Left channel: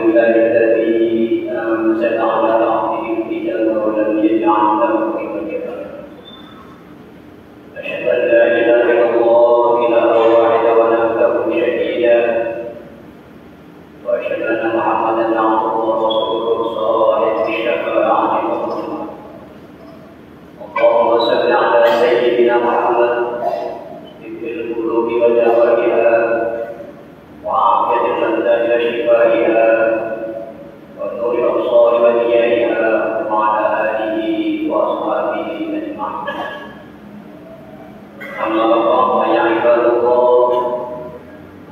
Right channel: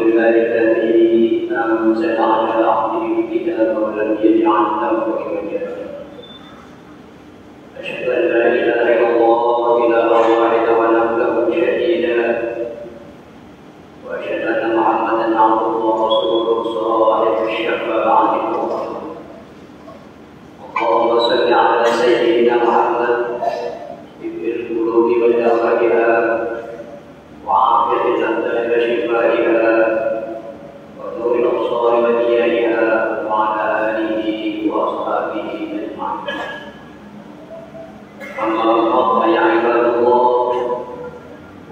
لله الذي أنزل على عبده الكتاب ولم يجعل له عوجا. أشهد أن لا إله إلا الله إله واحد ونبله شهيدا، وأشهد أن محمدا عبده ورسوله صاحب الشفاعة العظمى. اللهم صل على سيدنا محمد طب القلوب ودوائها وعافية الأبدان وشفائها ونور الأبصار وديائها وعلى آله وأصحابه أجمعين. أما بعد يا عباد الله،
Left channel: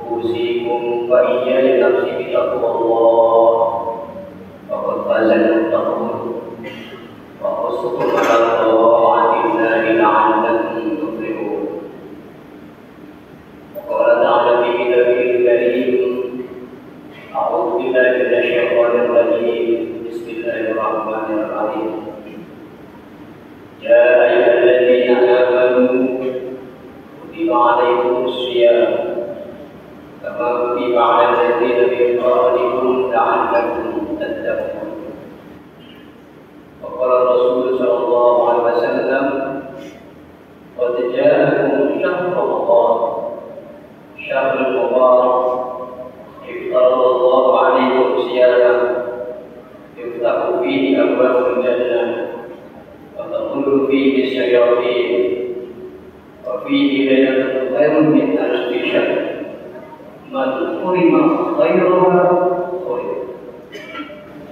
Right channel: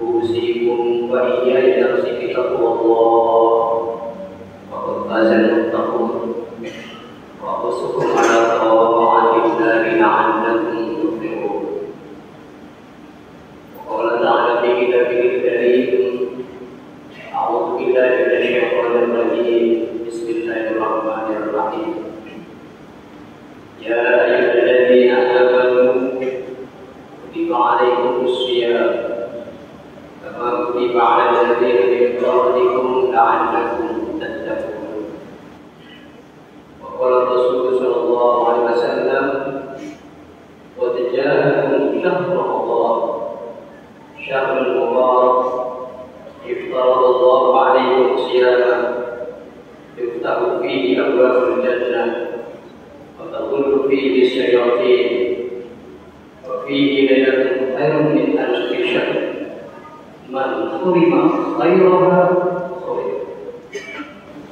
أوصيكم وإياي نفسي بتقوى الله، فقد فاز المتقون، وأحثكم على طاعة الله لعلكم تفلحون. وقال تعالى في كتابه الكريم: أعوذ بالله من الشيطان الرجيم، بسم الله الرحمن الرحيم. يا أيها الذين آمنوا كتب عليكم الصيام كما كتب على الذين من قبلكم لعلكم تتقون. وقال الرسول صلى الله عليه وسلم: قد جاءكم شهر رمضان، شهر المبارك، افترض الله عليكم صياما يفتح فيه أبواب الجنة وتظل فيه الشياطين، وفيه ليلة خير من ألف شهر، من حرم خيرها خير.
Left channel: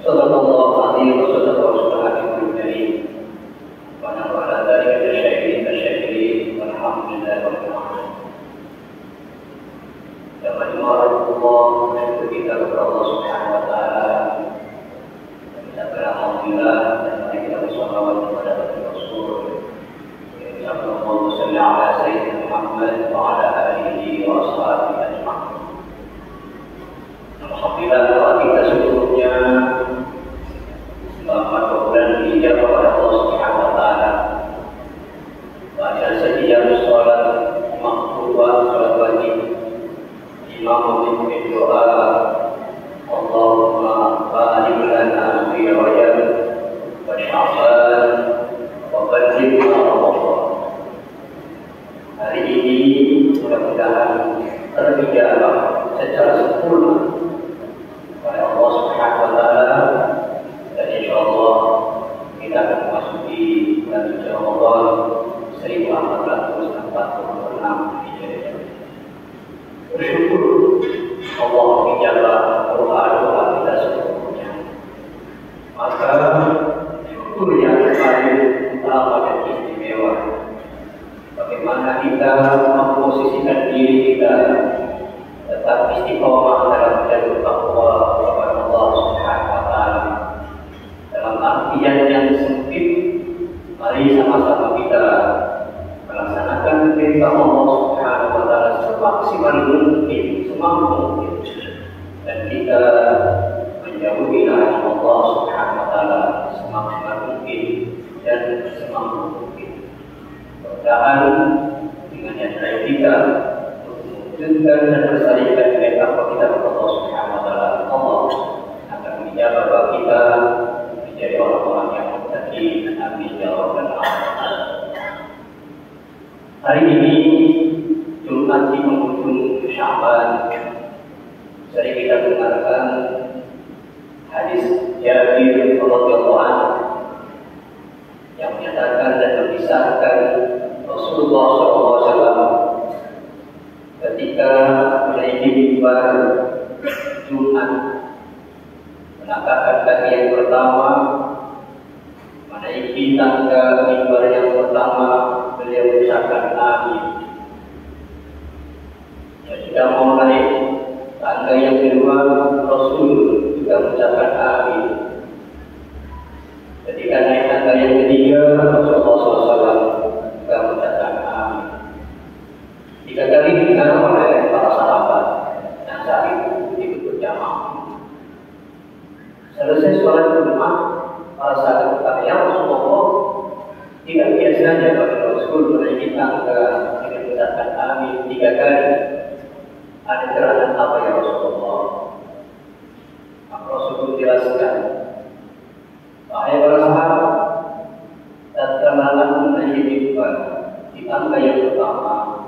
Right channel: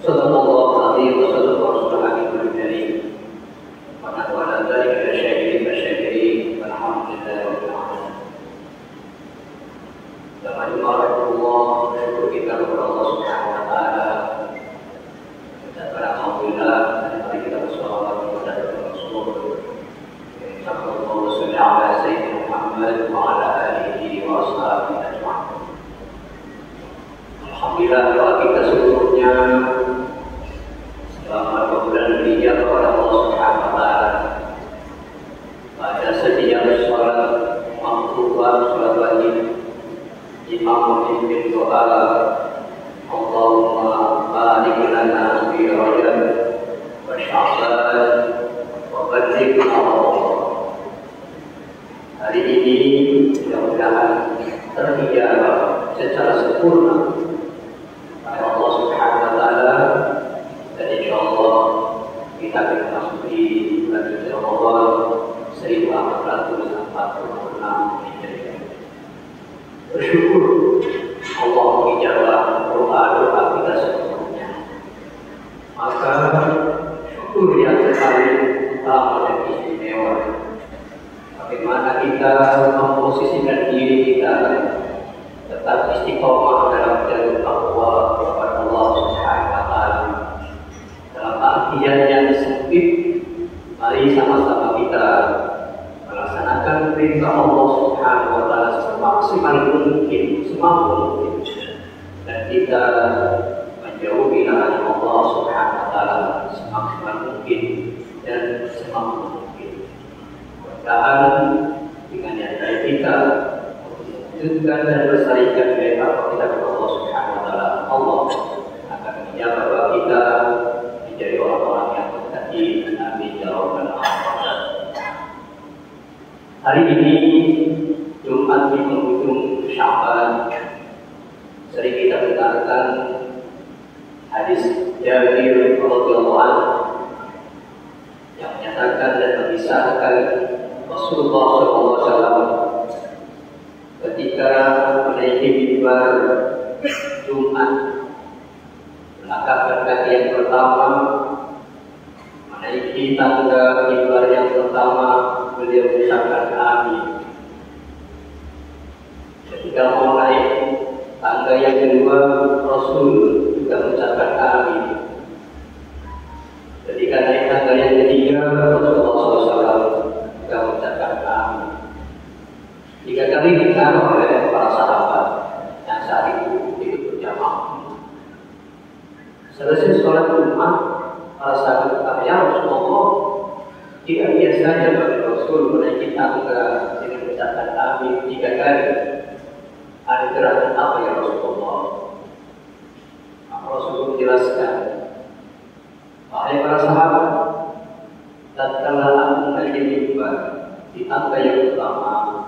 صدق الله العظيم وصدق رسوله الكريم، ونحن على ذلك الشاهدين والشاكرين، والحمد لله رب العالمين. Bismillahirrahmanirrahim. Bersyukur kita kepada Allah Subhanahu wa taala. Kita beralhamdulillah dan mari kita bersolawat kepada Rasul. Allahumma shalli ala sayyidina Muhammad wa ala alihi wa ashabihi ajma'in. Alhamdulillah kita seluruhnya selama bulan Rajab kepada Allah Subhanahu wa taala. Pada setiap salat makruh salat wajib, imam memimpin doa, Allahumma barik lana fi Rajab wa Sya'ban wa ballighna Ramadan. Hari ini mudah-mudahan terijabah secara sempurna oleh Allah Subhanahu wa taala, dan insyaallah kita akan memasuki bulan suci Ramadan 1446 Hijriah. Bersyukur Allah menijabah doa-doa kita seluruhnya. Maka syukur yang paling utama dan istimewa, bagaimana kita memposisikan diri kita tetap istiqomah dalam jalur takwa kepada Allah Subhanahu wa taala. Dalam artian yang sempit, mari sama-sama kita melaksanakan perintah Allah Subhanahu wa taala semaksimal mungkin, semampu mungkin, dan kita menjauhi larangan Allah Subhanahu wa taala semaksimal mungkin dan semampu mungkin. Mudah-mudahan dengan niat baik kita mewujudkan dan melestarikan nilai takwa kita kepada Allah Subhanahu wa taala, Allah akan menjawab doa kita menjadi orang-orang yang muttaqin. Amin ya rabbal alamin. Hari ini Jumat di penghujung Sya'ban, sering kita dengarkan hadis Jabir radhiyallahu anhu yang menyatakan dan mengisahkan Rasulullah SAW ketika menaiki mimbar Jumat, melangkahkan kaki yang pertama, menaiki tangga mimbar yang pertama, beliau mengucapkan amin. Ketika mau naik tangga yang kedua, Rasul juga mengucapkan amin. Ketika naik tangga yang ketiga, Rasulullah SAW juga mengucapkan amin. 3 kali didengar oleh para sahabat yang saat itu berjamaah. Selesai sholat Jumat, para sahabat berkata, "Ya Rasulullah, tidak biasanya bagi Rasul menaiki tangga dengan mengucapkan amin 3 kali. menjelaskan, wahai para sahabat, tatkala aku menaiki mimbar di tangga yang pertama,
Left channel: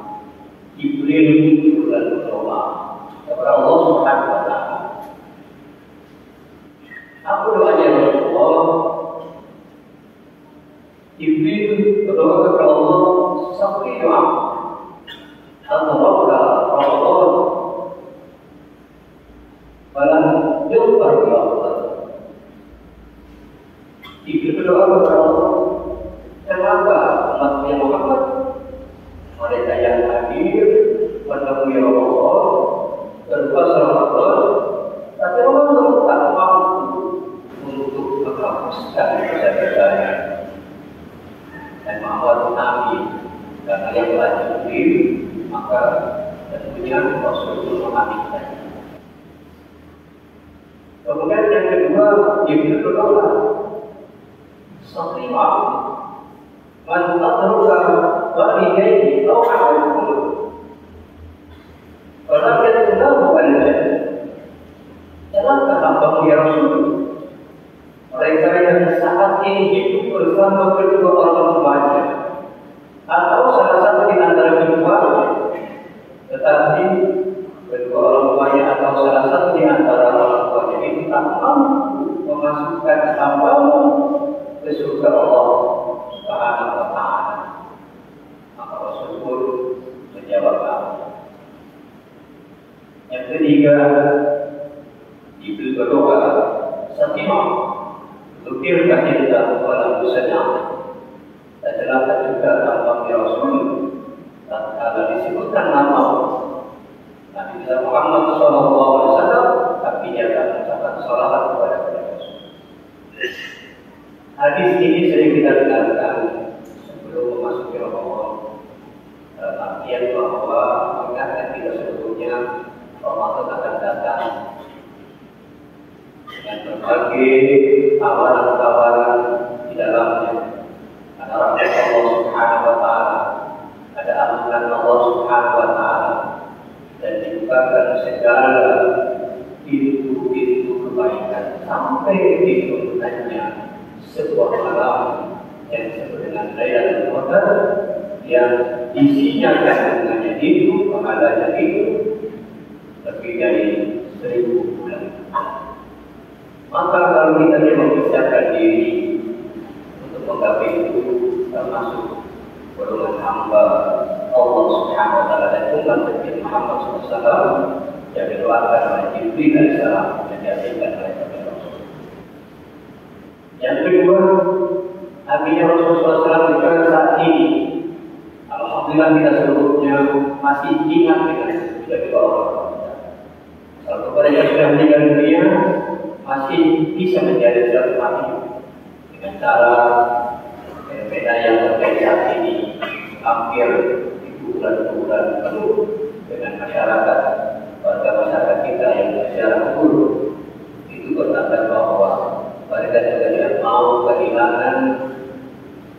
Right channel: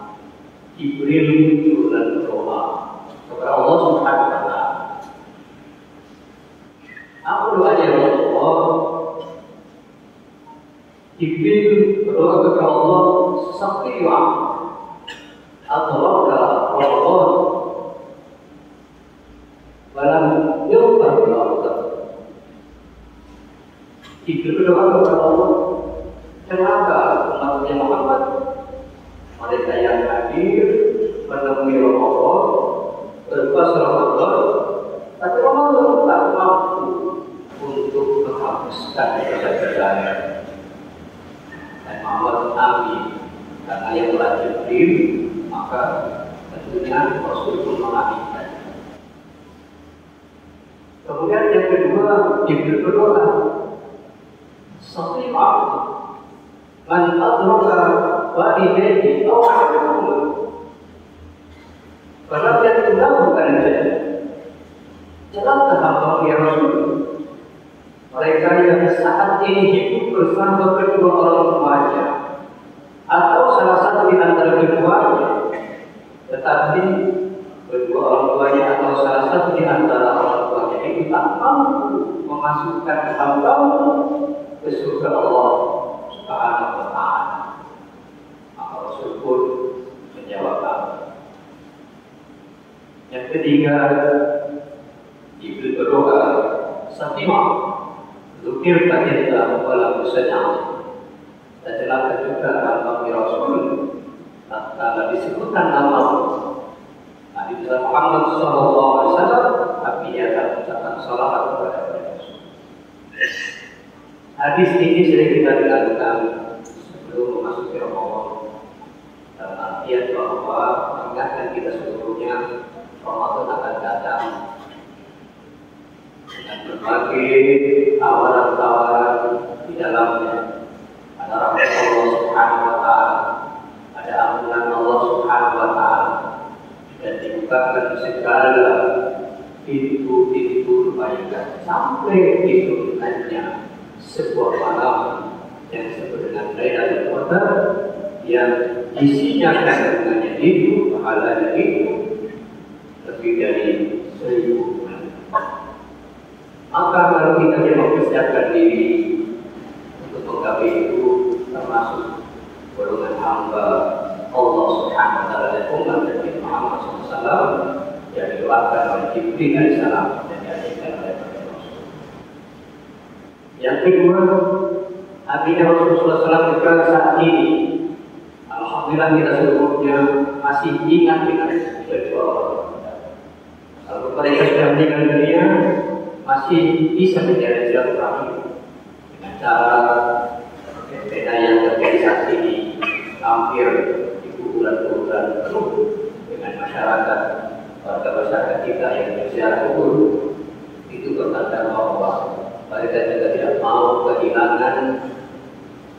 Jibril muncul dan berdoa kepada Allah Subhanahu wa Ta'ala. Aku doanya Rasulullah, Jibril berdoa kepada Allah seperti doa atau Allah dalam yufar Allah. Jibril berdoa kepada Allah, kenapa umatnya Muhammad mereka yang hadir menemui Ramadan berpuasa Ramadan, tapi Ramadan tak mampu untuk menghapuskan dosa-dosanya. Dan Muhammad Nabi karena yang telah Jibril, maka tentunya Rasul pun mengaminkan. Kemudian yang kedua, Jibril berdoa, "Sahihah man adruka walidayhi aw ahadahuma falam yatlahu al-jannah." Celaka hamba ya Rasul, mereka yang saat ini hidup bersama kedua orang tuanya atau salah satu di antara keduanya, tetapi kedua orang tuanya atau salah satu di antara orang tuanya ini tak mampu memasukkan hambamu ke surga Allah Subhanahu wa Ta'ala. Maka Rasul pun menjawab apa? Yang ketiga, Jibril berdoa, "Sakinah Zukir kahinda walau sedang." Dan celaka juga nama Rasul tatkala disebutkan nama Nabi Muhammad SAW, tapi dia akan mengucapkan salawat kepada Rasul. Hadis ini sering kita dengarkan sebelum memasuki Ramadan, dalam artian bahwa mengingatkan kita sebelumnya Ramadan akan datang dengan berbagai tawaran-tawaran di dalamnya. Ada rahmat Allah Subhanahu wa Ta'ala, ada ampunan Allah Subhanahu wa Ta'ala, dan dibukakan segala pintu-pintu kebaikan sampai diturunkannya sebuah malam yang disebut dengan Lailatul Qadar, yang isinya kandungannya itu, pahalanya itu lebih dari 1000 bulan. Maka kalau kita mempersiapkan diri untuk menggapai itu, termasuk golongan hamba Allah Subhanahu wa Ta'ala dan umat Nabi Muhammad SAW, yang didoakan oleh Jibril alaihissalam dan diajarkan oleh Rasul. Yang kedua, artinya Rasulullah SAW juga saat ini, alhamdulillah kita seluruhnya masih ingat dengan jadi orang-orang. Kalau mereka sudah meninggal dunia, masih bisa menjadi silaturahmi dengan cara beda yang terjadi saat ini hampir di bulan-bulan penuh dengan masyarakat, warga masyarakat kita yang secara kubur. Itu bertanda bahwa mereka juga tidak mau kehilangan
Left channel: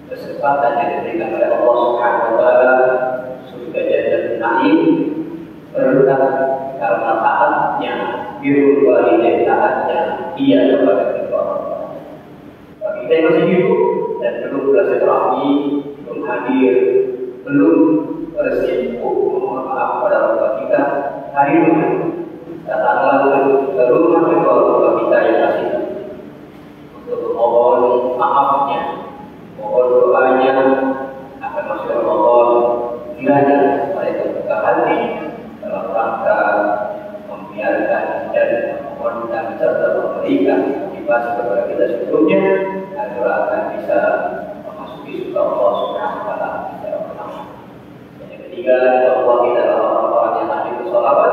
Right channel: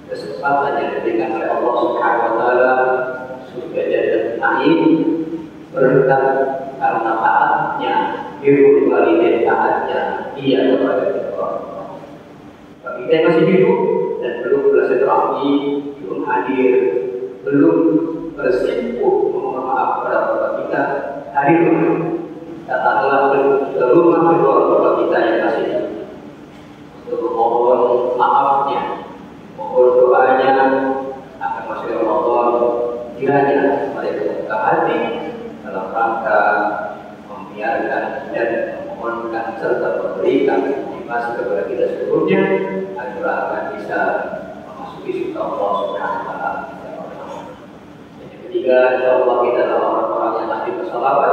kesempatan yang diberikan oleh Allah Subhanahu wa Ta'ala, surga Jannatul Na'im, berkat karena taatnya, birrul walidain, taatnya ia kepada kedua orang tua. Bagi kita yang masih hidup dan belum bersilaturahmi, belum hadir, belum bersibuk memohon maaf kepada orang tua kita, hari ini datanglah ke rumah kedua orang tua kita yang masih untuk memohon maafnya, mohon doanya akan masuk Ramadan. Kiranya mereka buka hati dalam rangka membiarkan dan memohonkan serta memberikan motivasi kepada kita sebelumnya agar akan bisa memasuki surga Allah Subhanahu wa Ta'ala. Yang ketiga, Allah kita adalah orang-orang yang ahli bersalawat.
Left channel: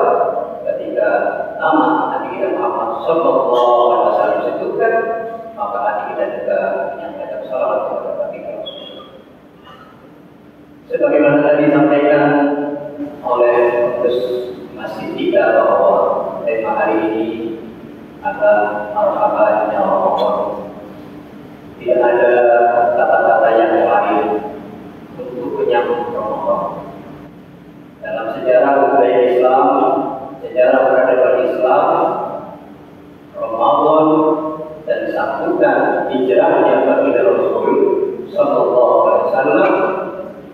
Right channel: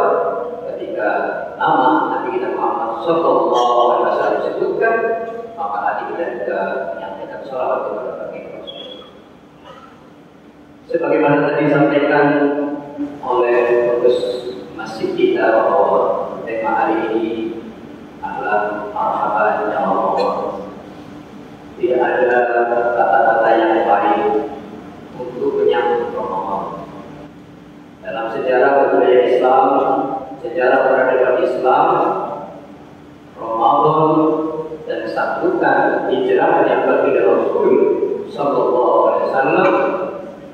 Ketika nama Nabi kita Muhammad Sallallahu Alaihi Wasallam disebutkan, maka hati kita juga menyampaikan salawat kepada baginda Rasul. Sebagaimana tadi disampaikan oleh pengurus masjid kita bahwa tema hari ini adalah marhaban ya Allah. Tidak ada kata-kata yang lain untuk menyambut Ramadan. Dalam sejarah budaya Islam, sejarah peradaban Islam, Ramadan melakukan hijrahnya bagi Rasul Sallallahu Alaihi Wasallam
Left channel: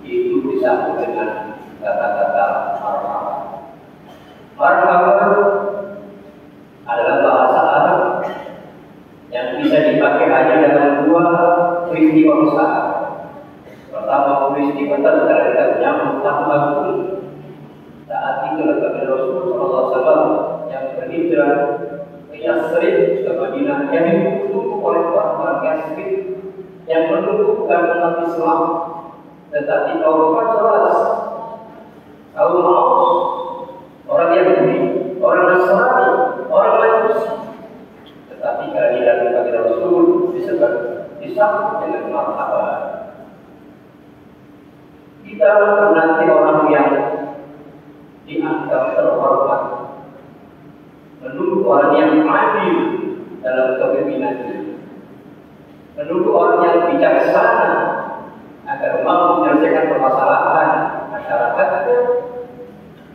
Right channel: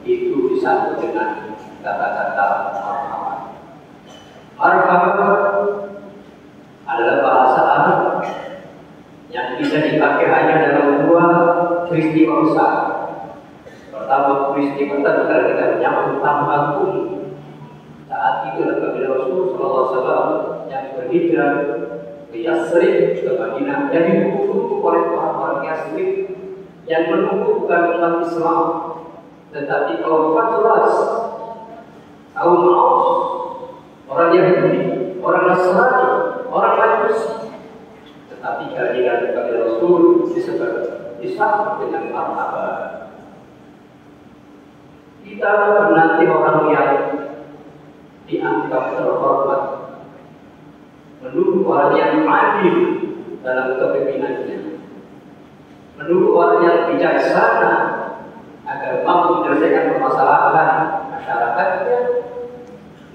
itu disambut dengan kata-kata marhaban. Marhaban adalah bahasa Arab yang bisa dipakai hanya dalam dua peristiwa besar. Pertama, peristiwa ketika kita menyambut tamu agung. Saat itu Nabi Rasul SAW yang berhijrah ke Yasrib, ke Madinah, yang didukung oleh orang-orang Yasrib yang menunjukkan umat Islam, tetapi kaum Khazraj, kaum Aus, orang Yahudi, orang Nasrani, orang Majusi, tetapi kehadiran Nabi Rasul disambut dengan marhaban. Kita menanti orang yang dianggap terhormat, menunggu orang yang adil dalam kepemimpinannya, menunggu orang yang bijaksana agar mampu menyelesaikan permasalahan masyarakatnya.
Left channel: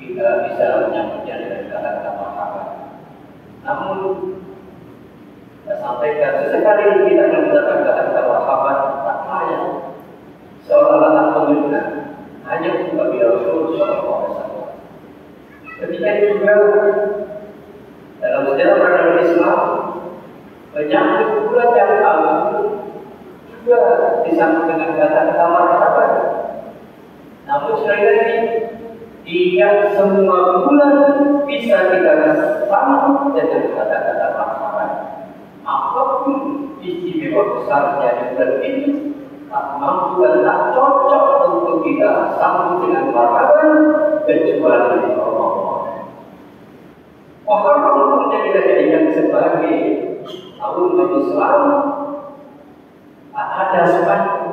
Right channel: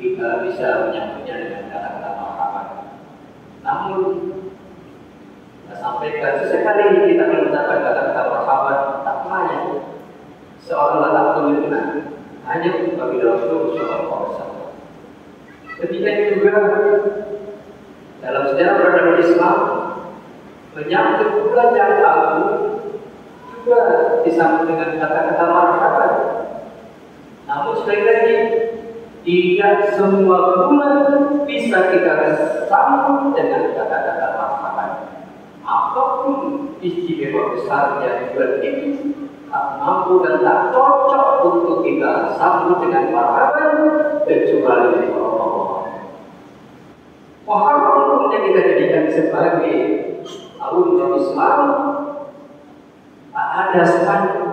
Kita bisa menyambutnya dengan kata-kata marhaban. Namun saya sampaikan sesekali kita menggunakan kata-kata marhaban tak layak, seolah-olah tak menyenangkan hanya untuk bagi Rasul Sallallahu Alaihi Wasallam. Ketika juga dalam sejarah peradaban Islam menyambut bulan yang agung juga disambut dengan kata-kata marhaban. Namun sekali lagi tidak semua bulan bisa kita sambut dengan kata-kata marhaban. Apapun istimewa besarnya bulan ini tak mampu dan tak cocok untuk kita sambut dengan marhaban kecuali Allah. Muharram yang kita jadikan sebagai tahun Islam, tak ada spanduk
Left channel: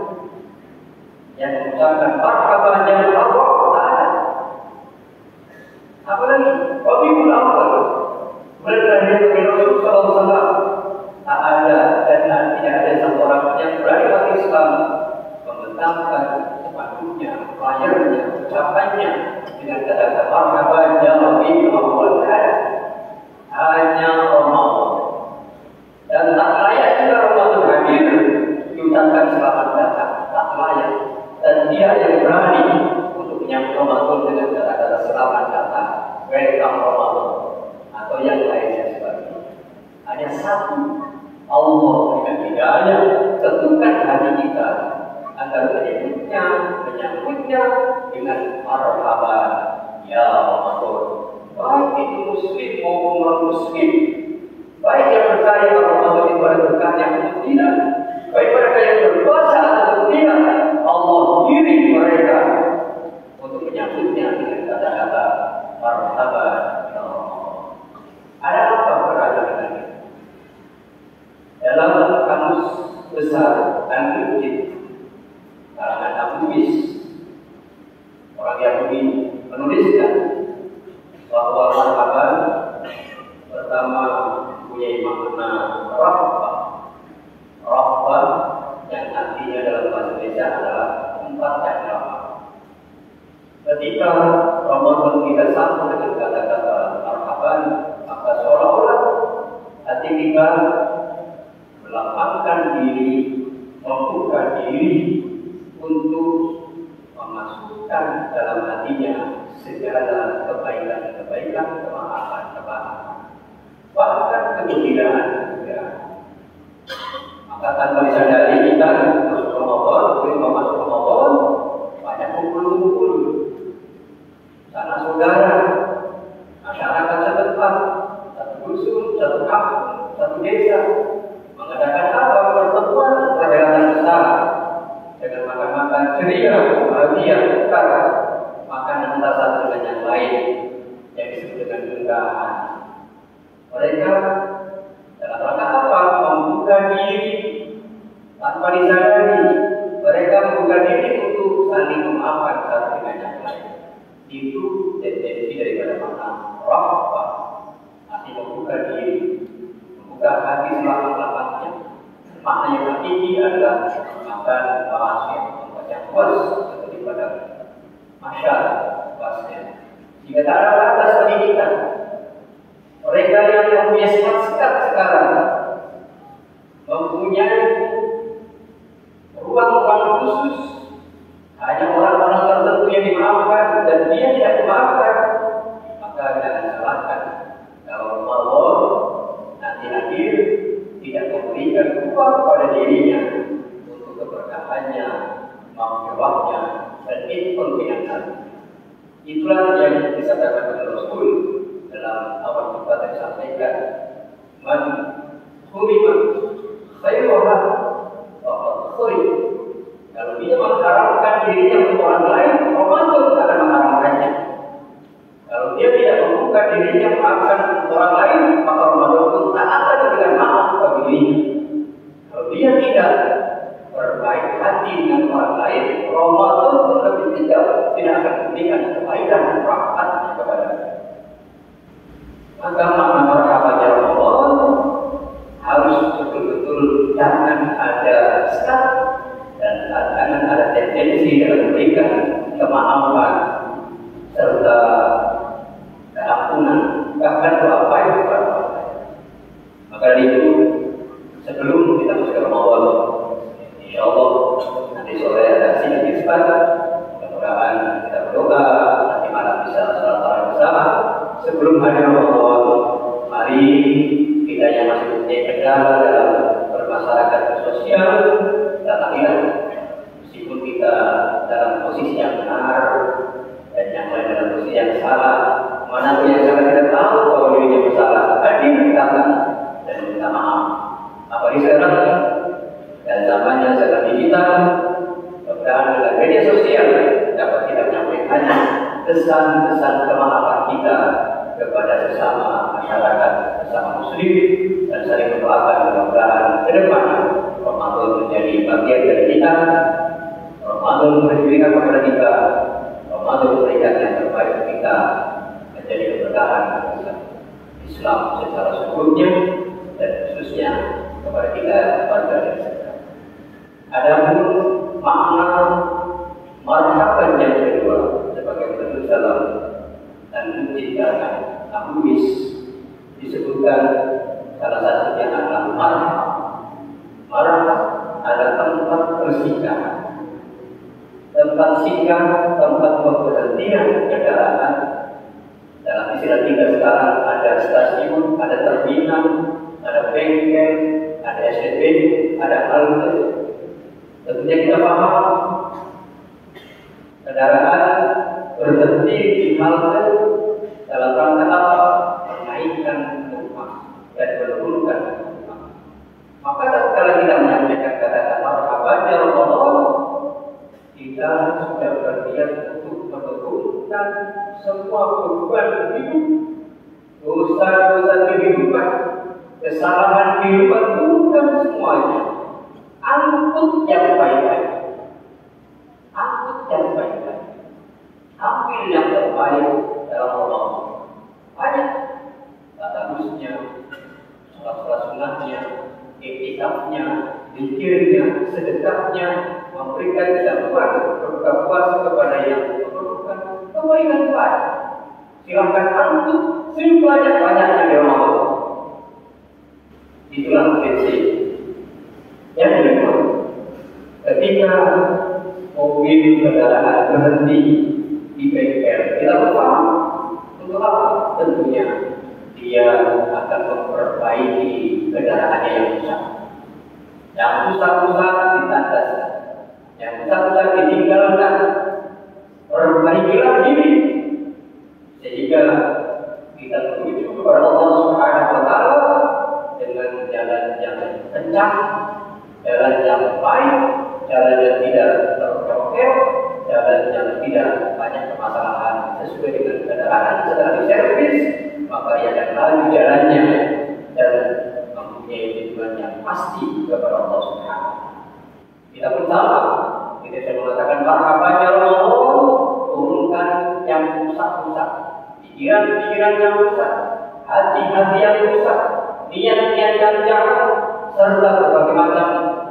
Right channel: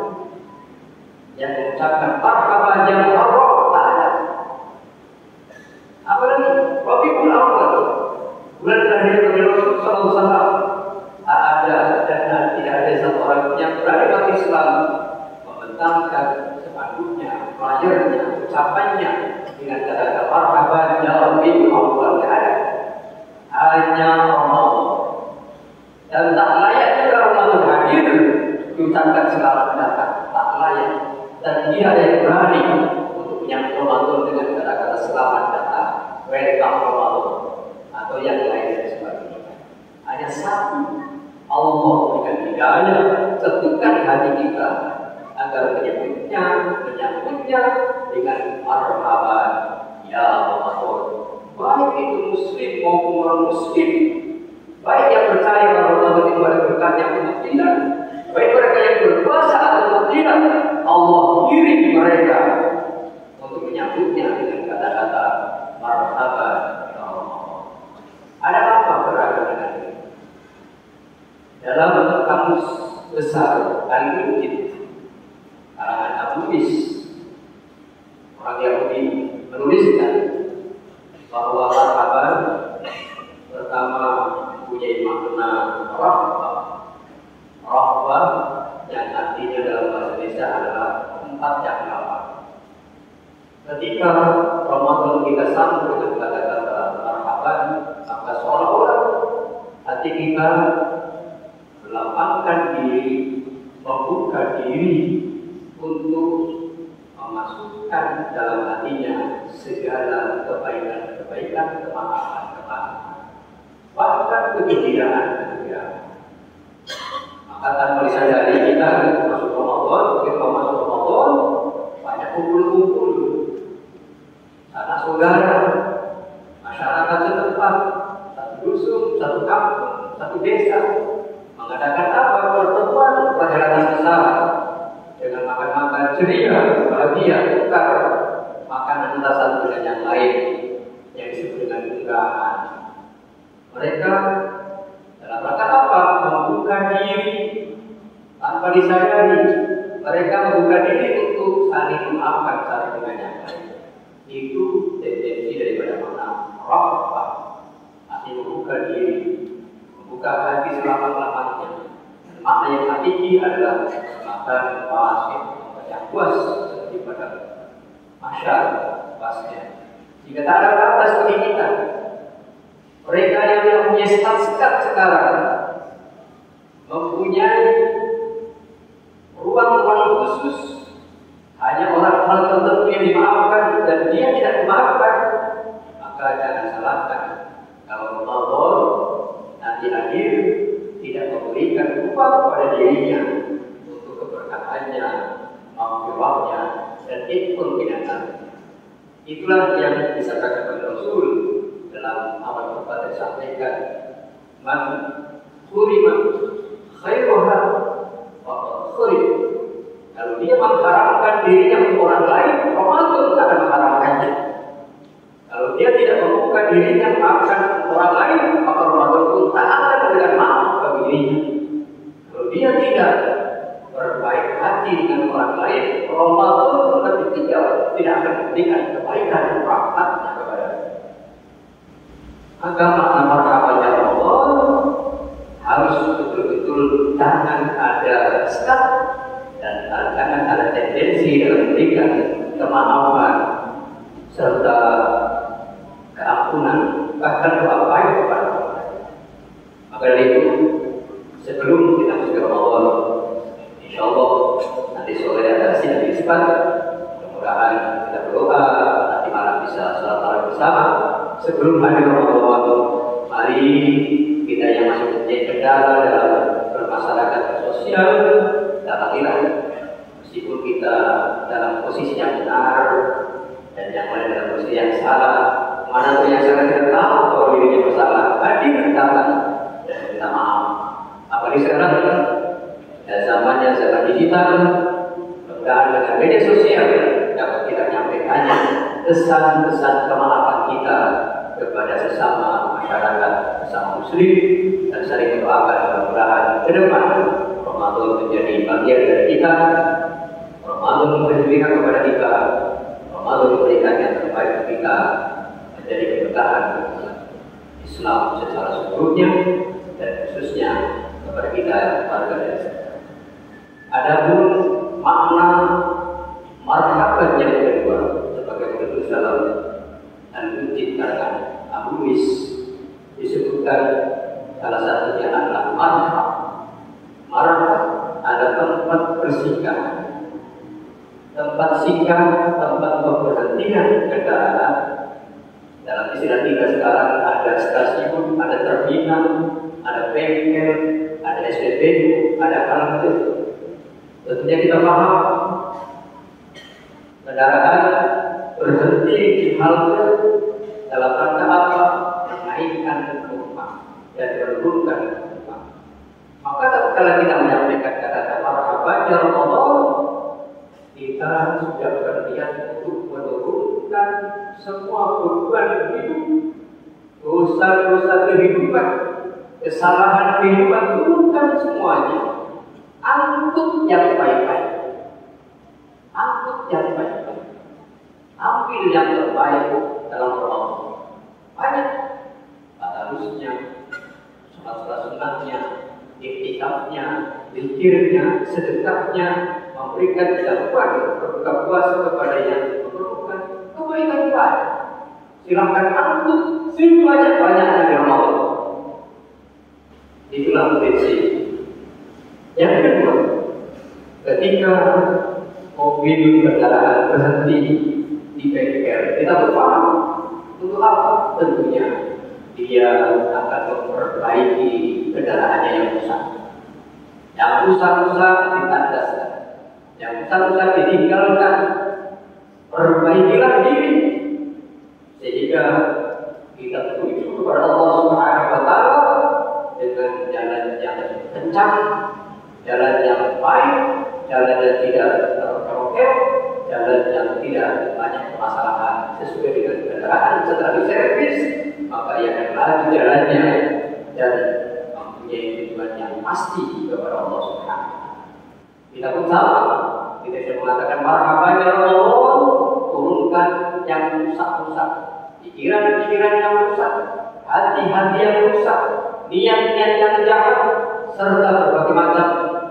yang mengucapkan marhaban yang Allah, tak ada. Apalagi Rabiul Awwal, bulan terakhir Nabi Rasul SAW, tak ada dan tidak ada satu orang yang berani bagi Islam membentangkan spanduknya, flyernya, ucapannya dengan kata-kata marhaban ya Rabiul Awwal. Hanya Allah, dan tak layak jika Ramadan hadir diucapkan selamat datang, tak layak. Dan dia yang berani untuk menyambut Ramadan dengan kata-kata selamat datang, welcome Ramadan, atau yang lain dan sebagainya. Hanya satu, Allah dengan hidayah tentukan hati kita agar menyambutnya dengan marhaban ya Ramadan. Baik itu muslim maupun non-muslim, baik yang percaya bahwa Ramadan itu ada berkahnya atau tidak, baik mereka yang berpuasa atau tidak, Allah kirim mereka untuk menyambutnya dengan kata-kata marhaban ya Ramadan. Ada apa berada dengan ini? Dalam kamus besar Al-Mujid karangan Abu Bis, orang Yahudi menuliskan bahwa marhaban pertama punya makna rahbah yang artinya dalam bahasa Indonesia adalah tempat yang lapang. Ketika Ramadan kita sambut dengan kata-kata marhaban, maka seolah-olah hati kita melapangkan diri, membuka diri untuk memasukkan dalam hatinya segala kebaikan, kemahaman, bahkan kegembiraan. Maka tanpa disadari kita masuk Ramadan, begitu masuk Ramadan, banyak kumpul-kumpul sanak saudara, masyarakat setempat, satu dusun, satu kampung, satu desa, mengadakan apa? Pertemuan perjalanan besar dengan makan-makan ceria, bahagia, tukar makanan antara satu dengan yang lain yang disebut dengan unggahan. Mereka dalam rangka apa? Membuka diri tanpa disadari. Mereka membuka diri untuk saling memaafkan satu dengan yang lain. Itu tendensi daripada makna rahbah, artinya membuka diri, membuka hati selama-lamanya. Makna yang hakiki adalah makan pasien, yang puas seperti pada masyarakat pasien. Jika tak ada batas bagi kita, mereka yang mempunyai sekat sekarang mempunyai ruang-ruang khusus, hanya orang-orang tertentu yang dimaafkan dan dia tidak dimaafkan, maka jangan salahkan kalau Allah nanti hadir tidak memberikan ruang pada dirinya untuk keberkahannya, maghfirahnya, dan itqan. Itulah yang disampaikan oleh Rasul dalam awal khutbah yang disampaikan, man hurima khairuha faqad khurim. Kalau dia mengharamkan dirinya untuk orang lain, Ramadan akan mengharamkannya. Kalau dia tidak membuka dirinya memaafkan orang lain, maka Ramadan pun tak akan memberikan maaf bagi dirinya. Kalau dia tidak berbaik hati dengan orang lain, Ramadan pun tidak akan memberikan kebaikan dan rahmatnya kepada dia. Maka makna marhabannya Ramadan harus betul-betul jangan ada start dan jangan ada tendensi dalam memberikan kemaafan serta keampunan, bahkan doa baik kepada orang lain. Maka dari itu, sebelum kita masuk ke Ramadan, insya Allah nanti sore ada sidang isbat. Mudah-mudahan kita berdoa, nanti malam bisa salat tarawih bersama. Sebelum hari Ramadan, mari kita yang masih punya kendala dalam bermasyarakat sosial, datanglah. Meskipun kita dalam posisi yang benar dan yang lain dalam posisi yang salah, mana pun yang salah kita tahu bahwa dirinya bersalah, hadir datang dan minta maaf. Apalagi sekarang dan zamannya zaman digital, mudah-mudahan dengan media sosial dapat kita menyampaikannya pesan-pesan kemaafan kita kepada sesama masyarakat, sesama muslim, dan saling mendoakan mudah-mudahan ke depan Ramadan menjadi bagian dari kita. Ramadan memberikan kepada kita, Ramadan memberikan yang terbaik untuk kita, menjadi keberkahan Islam secara seluruhnya dan khususnya kepada kita warga desa. Adapun makna marhaban yang kedua sebagai penulis dalam dan menciptakan Abuis disebutkan salah satunya adalah marhab. Marhab ada tempat bersinggah, tempat singgah, tempat pemberhentian kendaraan. Dalam istilah kita sekarang ada stasiun, ada terminal, ada bengkel, ada SPBU, ada halte. Tentunya kita paham kendaraan berhenti di halte dalam rangka apa? Menaikkan penumpang dan menurunkan penumpang. Maka tatkala kita menyampaikan kata-kata marhaban ya Ramadan, kita sudah berniat untuk menurunkan semua beban hidup, dosa-dosa kehidupan, kesalahan kehidupan, turunkan semuanya. Angkut yang baik-baik, angkut yang baik-baik, ambil yang terbaik dalam Ramadan. Banyak tadarusnya, sholat-sholat sunnahnya, iktikafnya, zikirnya, sedekahnya, memberikan zakat, berbuka puasa kepada yang memerlukan kebaikan baik. Silakan angkut sebanyak-banyaknya di Ramadan. Itulah prinsip. Yang kedua, ketika mobil kendaraan berhenti di bengkel, kita berpaham untuk apa? Tentunya dia akan memperbaiki kendaraannya yang rusak. Yang rusak-rusak ditandaskan, yang rusak-rusak ditinggalkan. Perbaikilah diri sehingga kita menuju kepada Allah Subhanahu wa Ta'ala dengan jalan yang kencang, jalan yang baik, jalan yang tidak terproker, jalan yang tidak banyak permasalahan. Sesuai dengan kendaraan setelah diservis, maka ia akan laju jalannya dan mempunyai tujuan yang pasti kepada Allah Subhanahu wa Ta'ala. Kita pun sama, kita sudah mengatakan marhaban ya Ramadan, turunkan yang rusak-rusak, pikiran-pikiran yang rusak, hati-hati yang rusak, niat-niat yang jahat, serta berbagai macam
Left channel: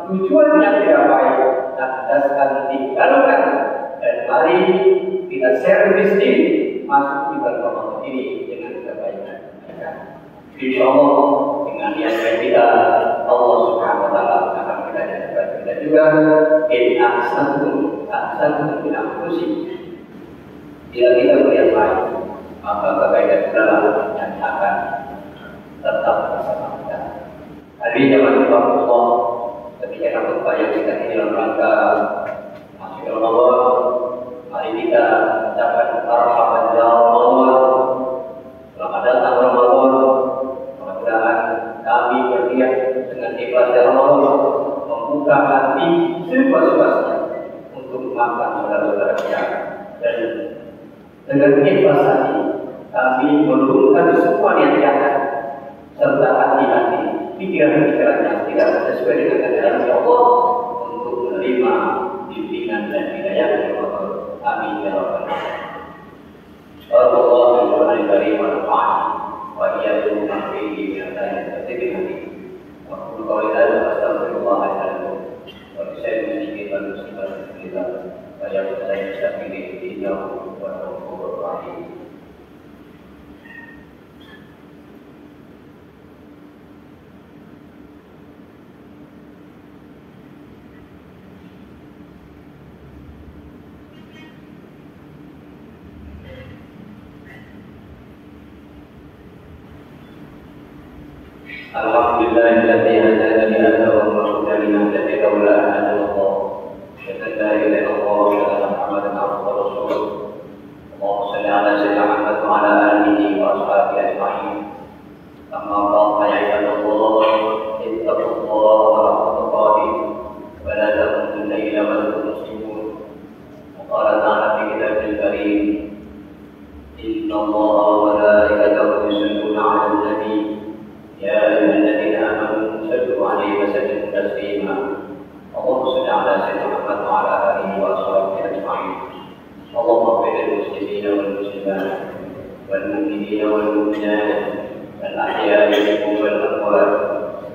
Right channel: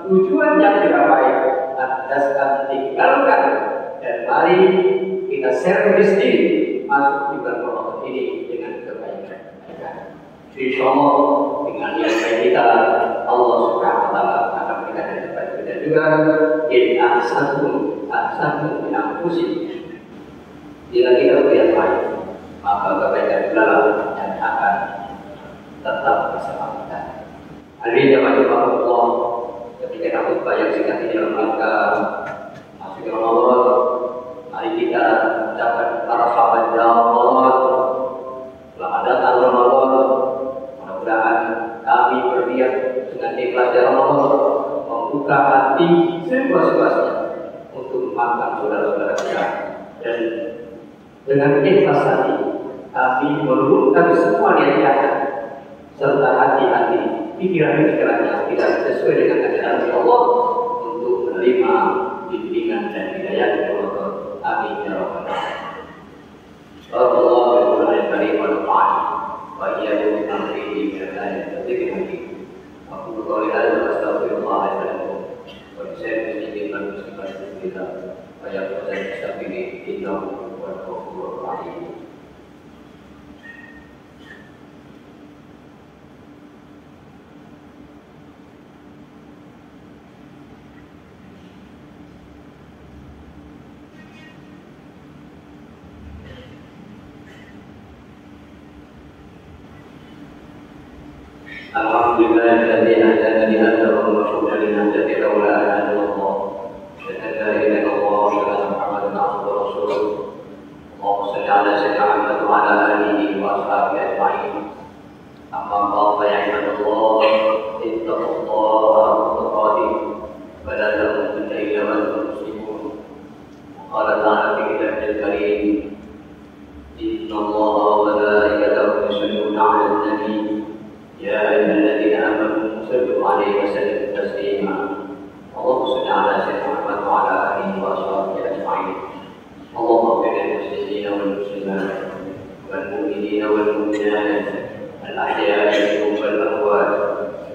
tujuan yang tidak baik. Tandaskan, tinggalkan, dan mari kita servis diri masuk di bulan Ramadan ini dengan kebaikan. Insya Allah dengan niat kita Allah Subhanahu wa Ta'ala juga in ahsantum min anfusikum. Bila kita berbuat baik, maka kebaikan adalah dan akan tetap bersama kita. Hari ini jamaah Allah, ketika khutbah yang singkat ini dalam rangka masuk Ramadan, mari kita ucapkan marhaban ya Ramadan. Selamat datang Ramadan. Mudah-mudahan kami berniat dengan ikhlas ya Ramadan membuka hati seluas-luasnya untuk memaafkan saudara-saudara kita, dan dengan ikhlas hati kami menurunkan semua niat jahat serta hati-hati pikiran-pikiran yang tidak sesuai dengan ajaran Allah untuk menerima bimbingan dan hidayah dari Allah. Amin ya rabbal alamin. Sallallahu alaihi wa sallam wa iyyakum nafsihi min al-dzikri hakim. Aku qauli hadza astaghfirullah alazim wa bisayyidil muslimin kita wa ya mustaghfirin innahu huwal ghafurur rahim. Alhamdulillahilladzi hadana li hadza wa ma kunna linahtadiya laula an hadana Allah. Asyhadu an la ilaha illallah wa asyhadu anna Muhammadan abduhu wa rasuluh. Allahumma shalli ala sayyidina Muhammad wa ala alihi wa ashabihi ajma'in. Amma ba'd fa ya ibadallah, ittaqullaha haqqa tuqatih wa la tamutunna illa wa antum muslimun. Wa qala ta'ala fi kitabil karim, inna Allaha wa malaikatahu yusalluna 'alan nabi. يا أيها الذين آمنوا صلوا عليه وسلموا تسليما. اللهم صل على سيدنا محمد وعلى آله وأصحابه أجمعين. اللهم اغفر للمسلمين والمسلمات والمؤمنين والمؤمنات الأحياء منهم والأموات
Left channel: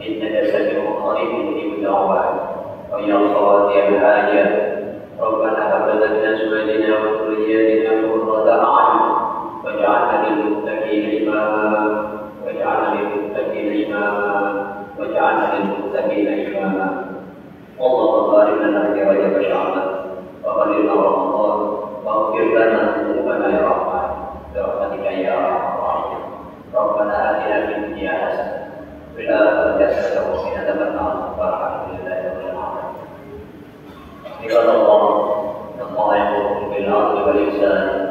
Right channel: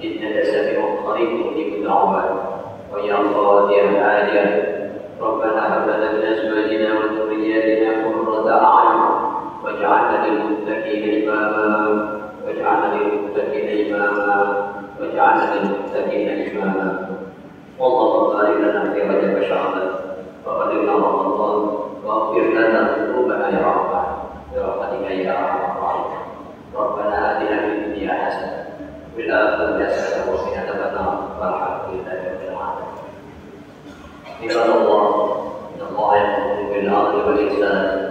إنك سميع قريب مجيب الدعوات. ويا قاضي الحاجات ربنا هب لنا من أزواجنا وذرياتنا قرة أعين واجعلنا للمتقين إماما اللهم بارك لنا في رجب شعبان وبلغنا رمضان واغفر لنا ذنوبنا يا رحمن برحمتك يا ارحم الراحمين. ربنا اتنا في الدنيا حسنه وفي الاخره حسنه وقنا عذاب النار والحمد لله رب العالمين. عباد الله ان الله يامركم بالعدل والاحسان